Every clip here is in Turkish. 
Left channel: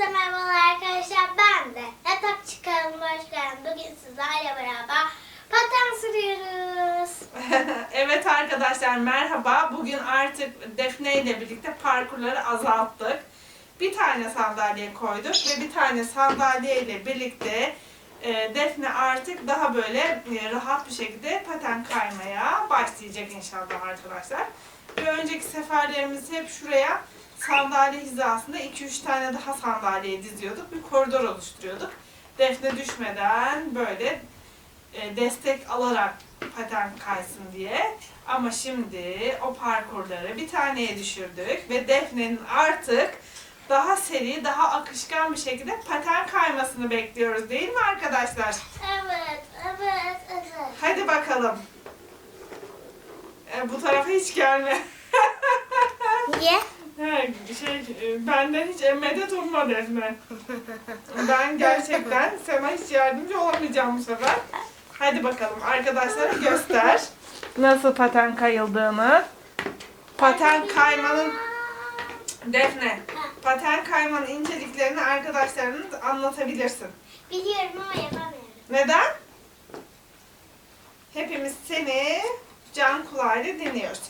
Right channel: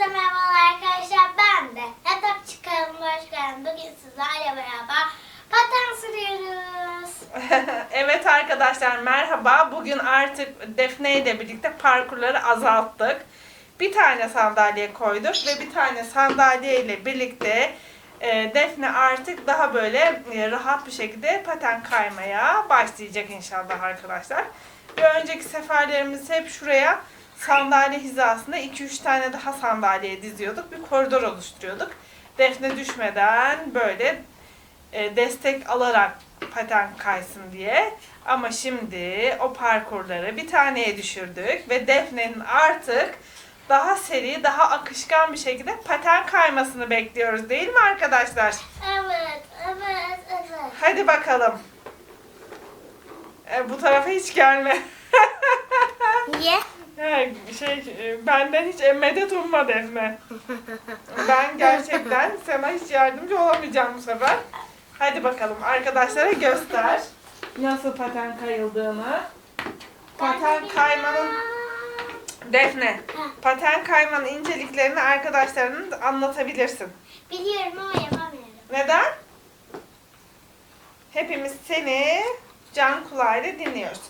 Hepinize merhabalar arkadaşlar. Ben de Yatak Çıkarım'a hoş. Bugün sizlerle beraber paten sürüyoruz. evet arkadaşlar merhaba. Bugün artık Defne ile birlikte parkurları azalttık. Bir tane sandalye koyduk ve bir tane sandalye ile birlikte e, Defne artık daha böyle e, rahat bir şekilde paten kaymaya başlayacak inşallah arkadaşlar. Bir önceki seferlerimiz hep şuraya sandalye hizasında 2-3 tane daha sandalye diziyorduk. Bir koridor oluşturuyorduk. Defne düşmeden böyle e, destek alarak paten kaysın diye. Ama şimdi o parkurları bir taneye düşürdük ve Defne'nin artık daha seri, daha akışkan bir şekilde paten kaymasını bekliyoruz değil mi arkadaşlar? Evet, evet, evet. Hadi bakalım. E, bu tarafa hiç gelme. Niye? He, şey, e, benden hiç medet umma Defne. Ben gerçekten sana hiç yardımcı olamayacağım bu sefer. Hadi bakalım arkadaşlara göster nasıl paten kayıldığını. Paten kaymanın Defne, paten kaymanın inceliklerini arkadaşlarına anlatabilirsin. Biliyorum ama yapamıyorum. Neden? Hepimiz seni can kulağıyla dinliyoruz.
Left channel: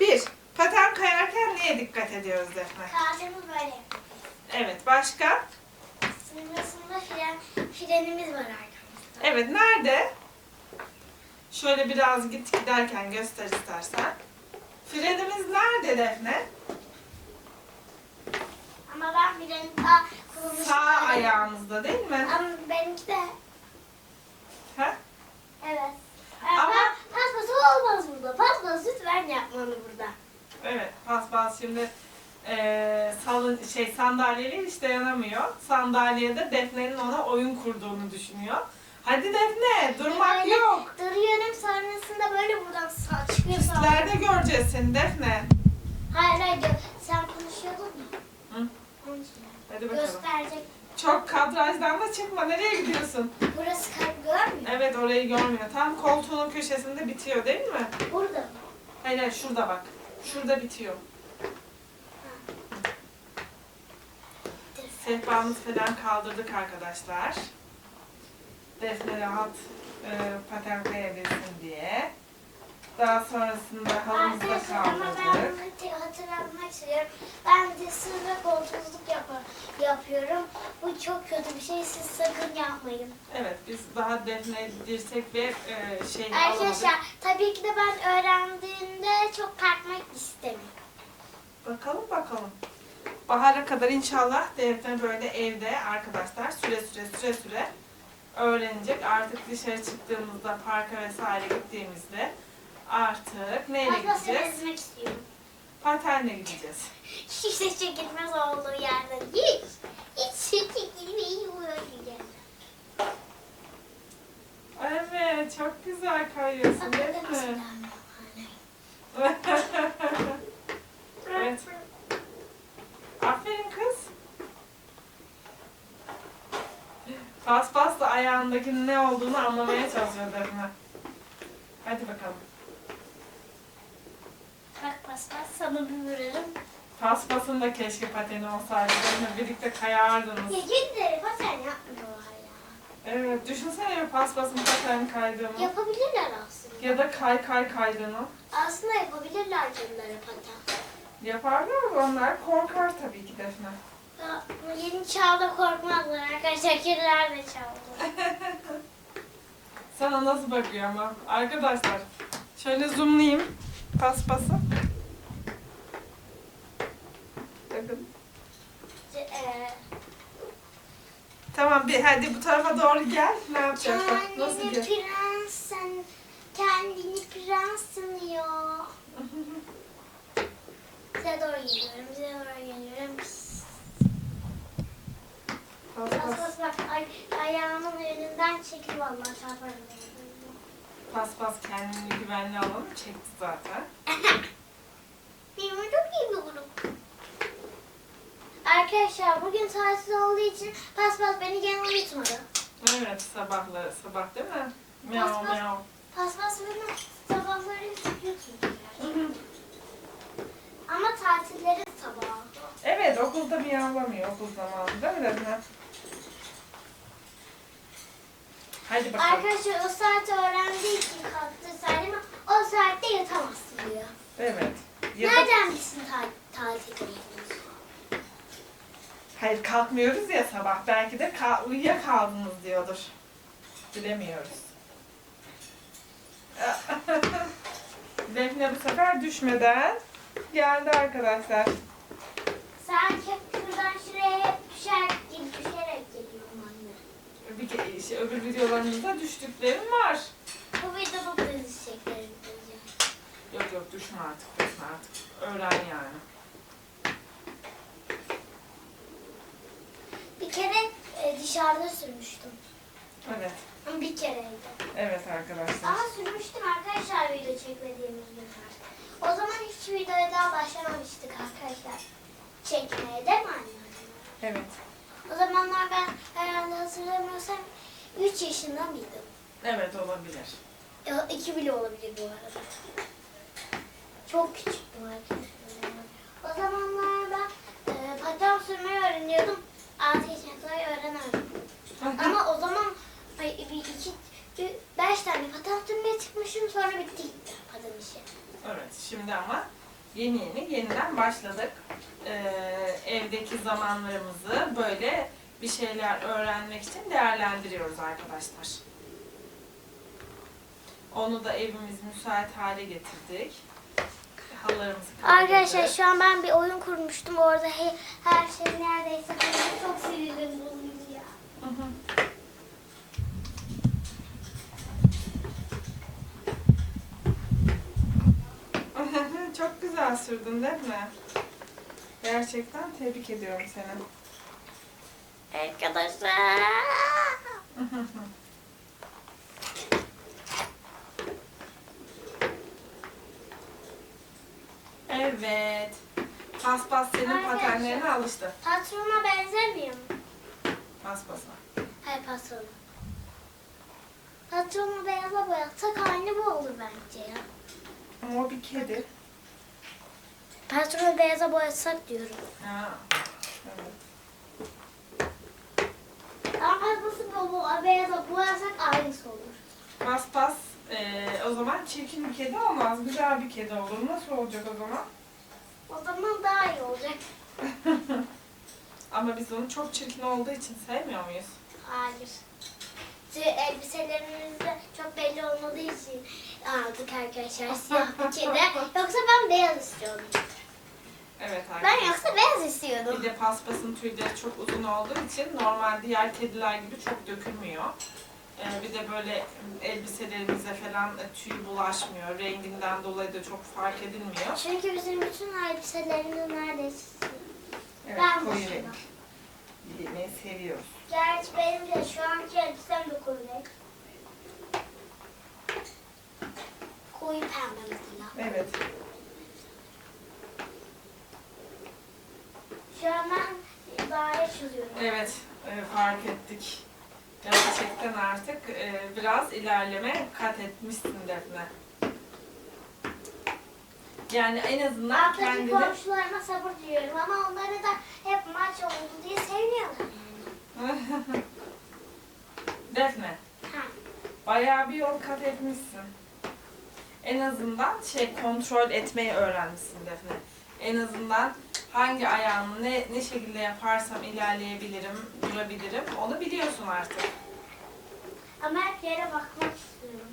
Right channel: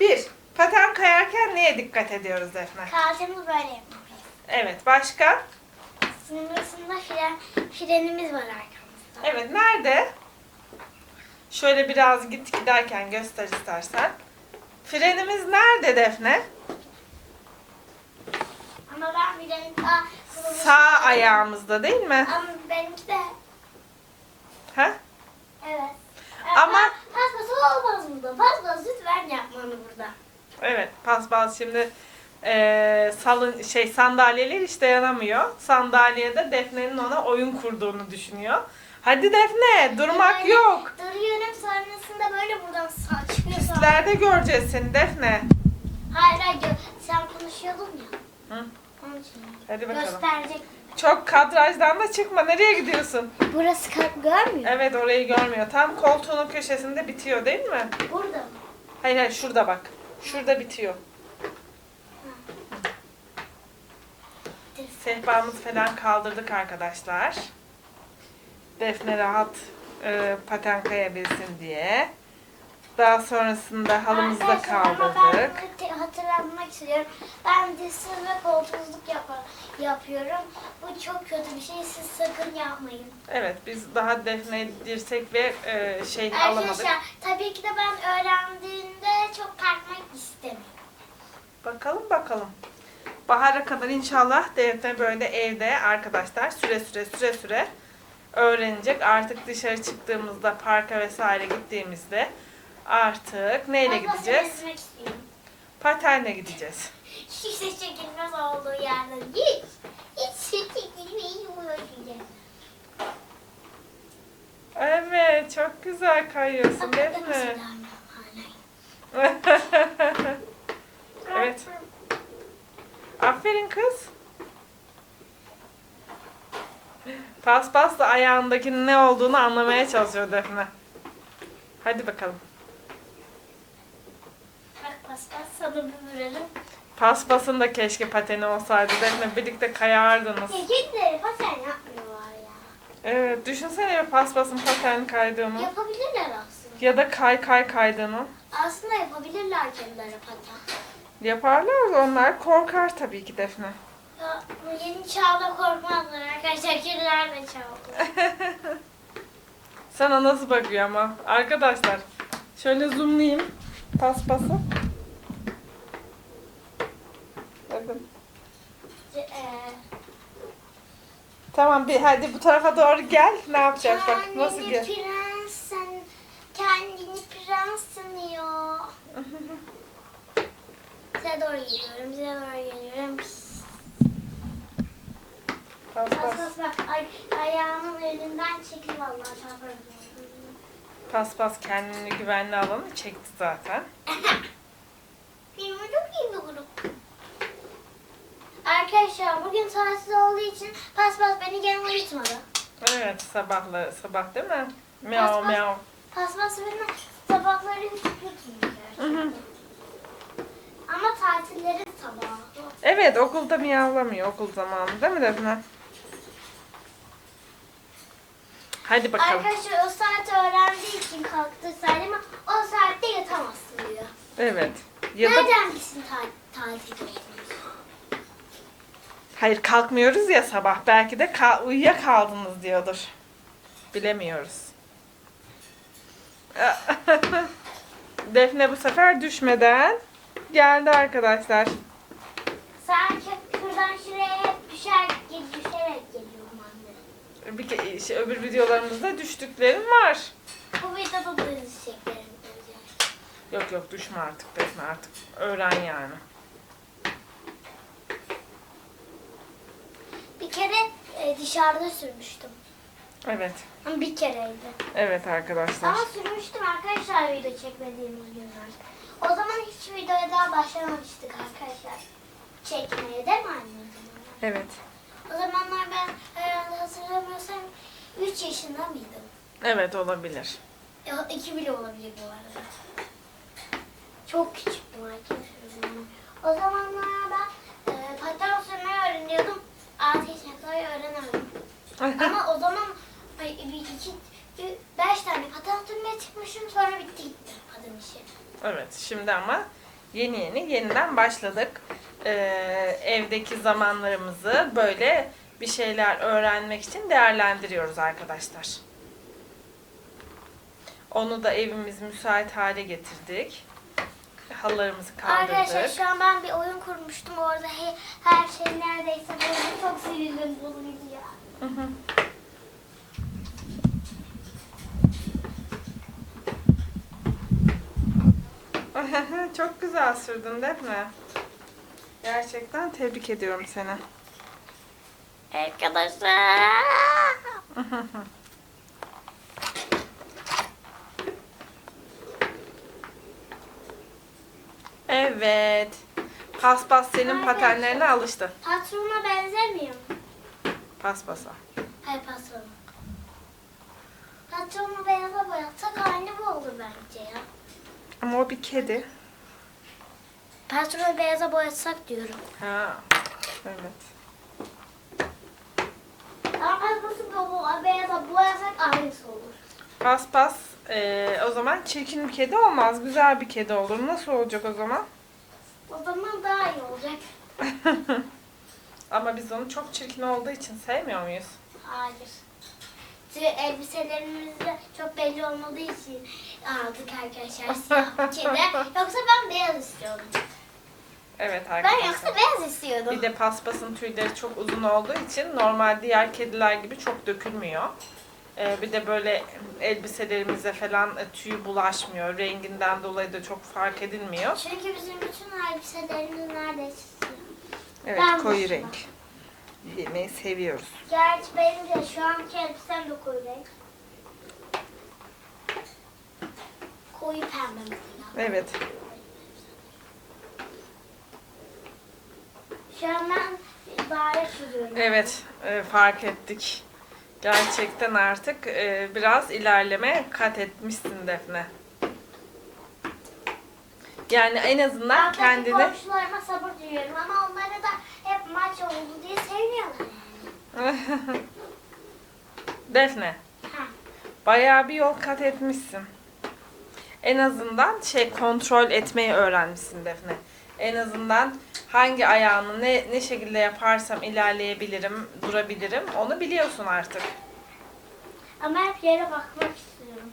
Bir, paten kayarken neye dikkat ediyoruz Defne? Kalçamı böyle yapmak. Evet, başka? Sınırlısında fren, frenimiz var arkamızda. Evet, nerede? Şöyle biraz git giderken göster istersen. Frenimiz nerede Defne? Ama ben freni daha kullanmışım. Sağ ayağımızda değil mi? Ama benimki de Ha? evet. Ama- Ama paspası olmaz burada. Paspası lütfen yapmalı burada. Evet, paspas şimdi eee salın şey sandalyeler hiç dayanamıyor. Sandalyede Defne'nin ona oyun kurduğunu düşünüyor. Hadi Defne, durmak Böyle yok. Duruyorum sonrasında böyle buradan sağ çıkıyor sonra. Göreceğiz seni Defne. Hayır hayır gö- sen konuşuyordun ya. Hı. Onun için. Hadi bakalım. Gösterecek. Çok kadrajdan da çıkma. Nereye gidiyorsun? Burası ka- görmüyor. Evet orayı görmüyor. Tam koltuğunun köşesinde bitiyor değil mi? Burada mı? Hayır hayır şurada bak. Şurada bitiyor. Sehpamızı falan kaldırdık arkadaşlar. Defne rahat e, paten kayabilsin diye. Daha sonrasında halımızı da ben kaldırdık. hatır- hatırlatmak istiyorum. Ben dizsiz ve koltuksuzluk yapa- yapıyorum. Bu çok kötü bir şey. Siz sakın yapmayın. Evet biz daha Defne dirsek ve e, şey alamadık. Arkadaşlar tabii ki de ben öğrendiğimde çok kalkmak istemiyorum. Bakalım bakalım. Bahara kadar inşallah Defne böyle evde arkadaşlar süre süre süre süre öğrenecek. Artık dışarı çıktığımızda parka vesaire gittiğimizde artık neyle Fazla gideceğiz? ezmek istiyorum. Patenle gideceğiz. Hiç de çekilmez olduğu yerden. Hiç. Hiç çekilmeyi uğraşacağım. Evet çok güzel kayıyorsun Defne. Evet. Aferin kız. Paspas da ayağındakinin ne olduğunu anlamaya çalışıyor Defne. Hadi bakalım. Paspas sana bir vuralım. Paspasın da keşke pateni olsaydı. Defne birlikte kayardınız. Ya gitleri paten yapmıyorlar ya. Evet, düşünsene bir paspasın paten kaydığını. Yapabilirler aslında. Ya da kay kay kaydığını. Aslında yapabilirler kendileri paten. Yaparlar da onlar korkar tabii ki Defne. Ya, bu yeni çağda korkmazlar arkadaşlar. Kediler de çaldı. Sana nasıl bakıyor ama? Arkadaşlar şöyle zoomlayayım paspası. Tamam bir hadi bu tarafa doğru gel. Ne yapacağız bak nasıl Kendini gel. prens san, kendini prens sanıyor. Size doğru geliyorum, size doğru geliyorum. Bas Paspas, bas bak, ay, ayağımın önünden çekil vallahi çarparım. paspas kendini güvenli alanı çekti zaten. Benim çok iyi grup. Arkadaşlar bugün tatil olduğu için paspas beni gene uyutmadı. Evet sabahla sabah değil mi? Miau pas. miau. Paspas beni sabahları hiç uyutmuyor. Ama tatilleri sabahı. Evet okulda miyavlamıyor okul zamanı değil mi Defne? Hadi bakalım. Arkadaşlar o saat öğrendiği için kalktı Salim ama o saatte yatamazsın diyor. Evet. Ya da- Nereden bilsin ta- tatil olduğunu? Hayır kalkmıyoruz ya sabah. Belki de kal uyuyakaldınız diyordur. Bilemiyoruz. Defne bu sefer düşmeden geldi arkadaşlar. Sanki şuradan şuraya hep düşer, düşerek geliyorum anne. Bir ke- şey, öbür videolarımızda düştüklerim var. Bu videoda da düşeceklerim. Yok yok düşme artık Defne artık. Öğren yani. Kere e, dışarıda sürmüştüm. Evet. Ama bir kereydi. Evet arkadaşlar. Ama sürmüştüm arkadaşlar video çekmediğimiz günler. O zaman hiç videoya daha başlamamıştık arkadaşlar. Çekmeye değil mi anne? Evet. O zamanlar ben herhalde hatırlamıyorsam 3 yaşında mıydım? Evet olabilir. 2 bile olabilir bu arada. Çok küçüktüm arkadaşlar. O zamanlar ben e, paten sürmeyi öğreniyordum. 6 yaşına kadar öğrenemedim. Ama o zaman ay, bir iki, bir, beş tane paten sürmeye çıkmışım sonra bitti gitti paten işi. Evet şimdi ama yeni yeni yeniden başladık. Ee, evdeki zamanlarımızı böyle bir şeyler öğrenmek için değerlendiriyoruz arkadaşlar. Onu da evimiz müsait hale getirdik. Halılarımızı kaldırdık. Arkadaşlar şu an ben bir oyun kurmuştum. Orada he- her şey neredeyse böyle çok sinirlim bozuldu ya. Hı hı. Çok güzel sürdün Defne. Gerçekten tebrik ediyorum seni. Arkadaşlar. Evet. Paspas senin Arkadaşlar. patenlerine alıştı. Patrona benzemiyor mu? Paspasa. Hayır patrona. Patronu beyaza boyatsak aynı bu olur bence ya. Ama o bir kedi. Patronu beyaza boyatsak diyorum. Ha. Evet. Paspası bu beyaza boyasak aynısı olur. Paspas eee, o zaman çirkin bir kedi olmaz. Güzel bir kedi olur. Nasıl olacak o zaman? O zaman daha iyi olacak. Ama biz onu çok çirkin olduğu için sevmiyor muyuz? Hayır. Çünkü elbiselerimizde çok belli olmadığı için aldık arkadaşlar siyah bir kedi. Yoksa ben beyaz istiyordum. Evet Ben arkadaşlar. yoksa beyaz istiyordum. Bir de paspasın tüyleri çok uzun olduğu için normal diğer kediler gibi çok dökülmüyor. Ee, bir de böyle elbiselerimize falan tüy bulaşmıyor. Renginden dolayı da çok fark edilmiyor. Çünkü bizim bütün elbiselerimiz neredeyse. Evet Ben koyu dışına. renk. Yemeği seviyoruz. Gerçi benim de şu anki elbisem de koyu renk. Koyu pembe mesela. Evet. Ben daire çiziyorum. Evet e, fark ettik. Gerçekten artık e, biraz ilerleme kat etmişsin Defne. Yani en azından Alttaki kendini... komşularıma sabır diliyorum ama onları da hep maç oldu diye sevmiyorlar yani. Defne. Ha. Bayağı bir yol kat etmişsin. En azından şey kontrol etmeyi öğrenmişsin Defne. En azından hangi ayağını ne ne şekilde yaparsam ilerleyebilirim, durabilirim onu biliyorsun artık. Ama hep yere bakmak istiyorum.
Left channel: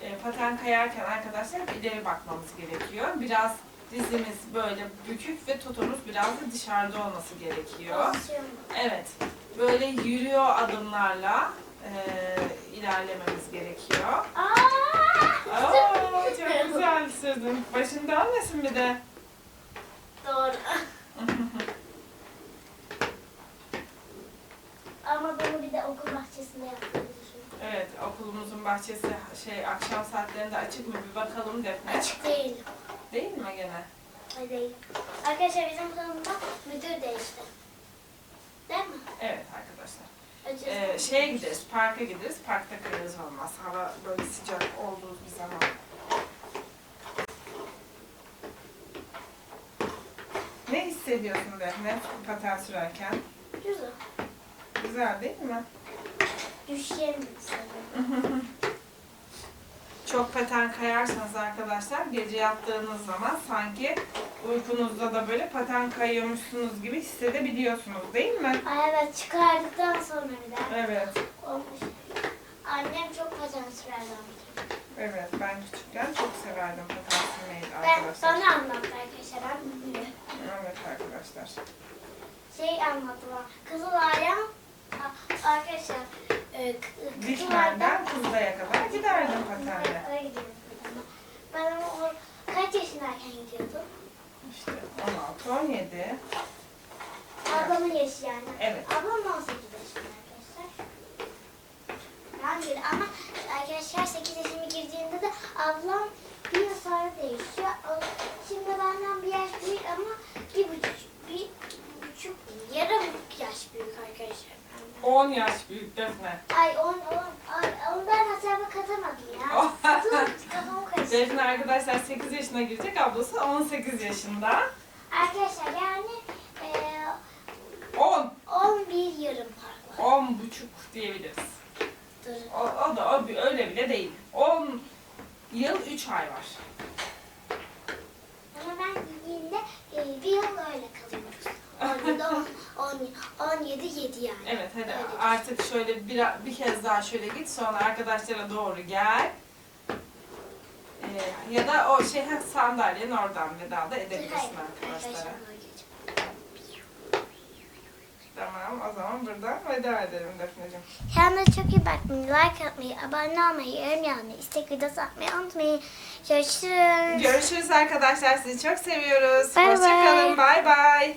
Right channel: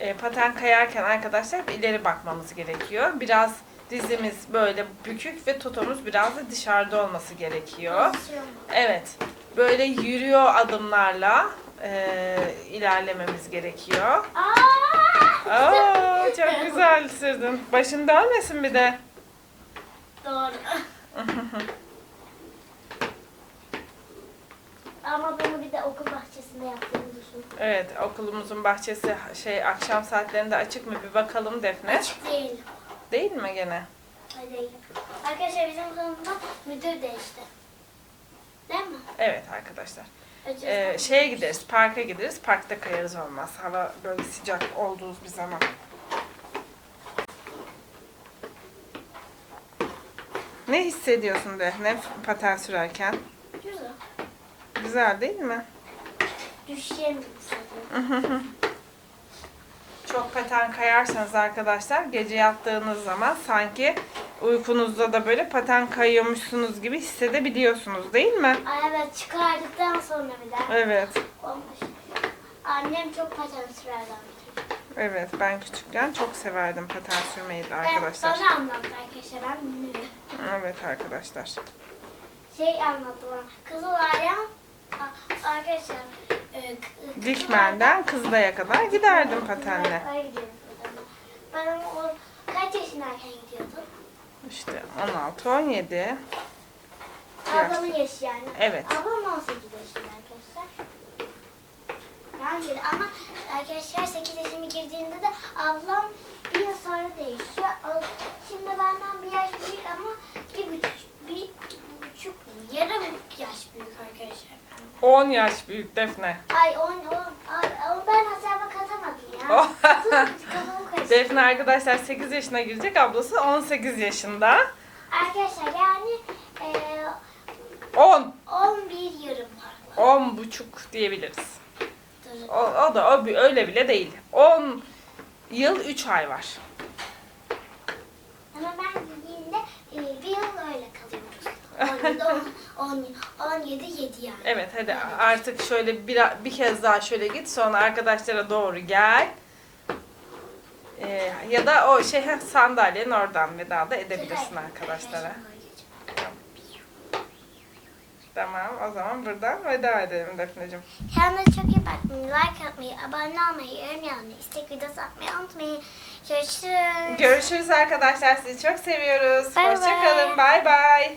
E, paten kayarken arkadaşlar ileri bakmamız gerekiyor. Biraz dizimiz böyle bükük ve totomuz biraz da dışarıda olması gerekiyor. Pozisyon. Evet. Böyle yürüyor adımlarla e, ilerlememiz gerekiyor. Aa! Aa, çok güzel sürdün. Başın dönmesin bir de. Doğru. Ama bunu bir de okul bahçesinde yaptığımı düşün. Evet, okulumuzun bahçesi şey akşam saatlerinde açık mı bir bakalım Defne. Açık değil. Değil mi gene? Hayır değil. Arkadaşlar bizim sonunda müdür değişti. Değil mi? Evet arkadaşlar. Ee, şeye gideriz, parka gideriz. Parkta kayarız olmaz. Hava böyle sıcak olduğu bir zaman. Ne hissediyorsun Defne paten sürerken? Güzel. Güzel değil mi? Düşeceğim sanırım. Çok paten kayarsanız arkadaşlar gece yattığınız zaman sanki uykunuzda da böyle paten kayıyormuşsunuz gibi hissedebiliyorsunuz değil mi? Ay evet çıkardıktan sonra bir daha. Evet. Olmuş. Annem çok paten sürerdi. Evet ben küçükken çok severdim paten sürmeyi de Ben arkadaşlar. bana anlattı arkadaşlar ben bilmiyorum. Evet arkadaşlar. Şey anlattılar. Kızılay'a arkadaşlar e, Dikmen'den Kızılay'a kadar giderdim patenle. Öyle. Ben ama o kaç yaşındayken gidiyordum? İşte 16, 17. Ablamın yaşı yani. Evet. Ablam 18 yaşında arkadaşlar. Ben girdim ama arkadaşlar 8 yaşıma girdiğinde de ablam bir yıl sonra değişiyor. O- benden bir yaş büyük ama bir buçuk, bir buçuk, yarım yaş büyük arkadaşlar benden. 10 yaş büyük Defne. Ay on, on, ay, ben hesaba katamadım ya. Oh. Dur, Kafamı karıştırdım. Defne arkadaşlar 8 yaşına girecek, ablası 18 yaşında. Arkadaşlar yani e, 10, 11 yarım var. 10 buçuk diyebiliriz. Durun. O, o da o, bi- öyle bile değil. 10 yıl 3 ay var. Ama ben gittiğimde e, bir yıl öyle kalıyoruz. 17, 10, 10, 17, 7 yani. Evet hadi artık şöyle bir, bir kez daha şöyle git sonra arkadaşlara doğru gel. Ee, ya da o şey sandalyenin oradan veda da edebilirsin arkadaşlara. Tamam o zaman buradan veda edelim Defneciğim. Kendinize çok iyi bakmayı, like atmayı, abone olmayı, yorum yazmayı, istek videosu atmayı unutmayın. Görüşürüz. Görüşürüz arkadaşlar sizi çok seviyoruz. Bay. Hoşçakalın bay bay.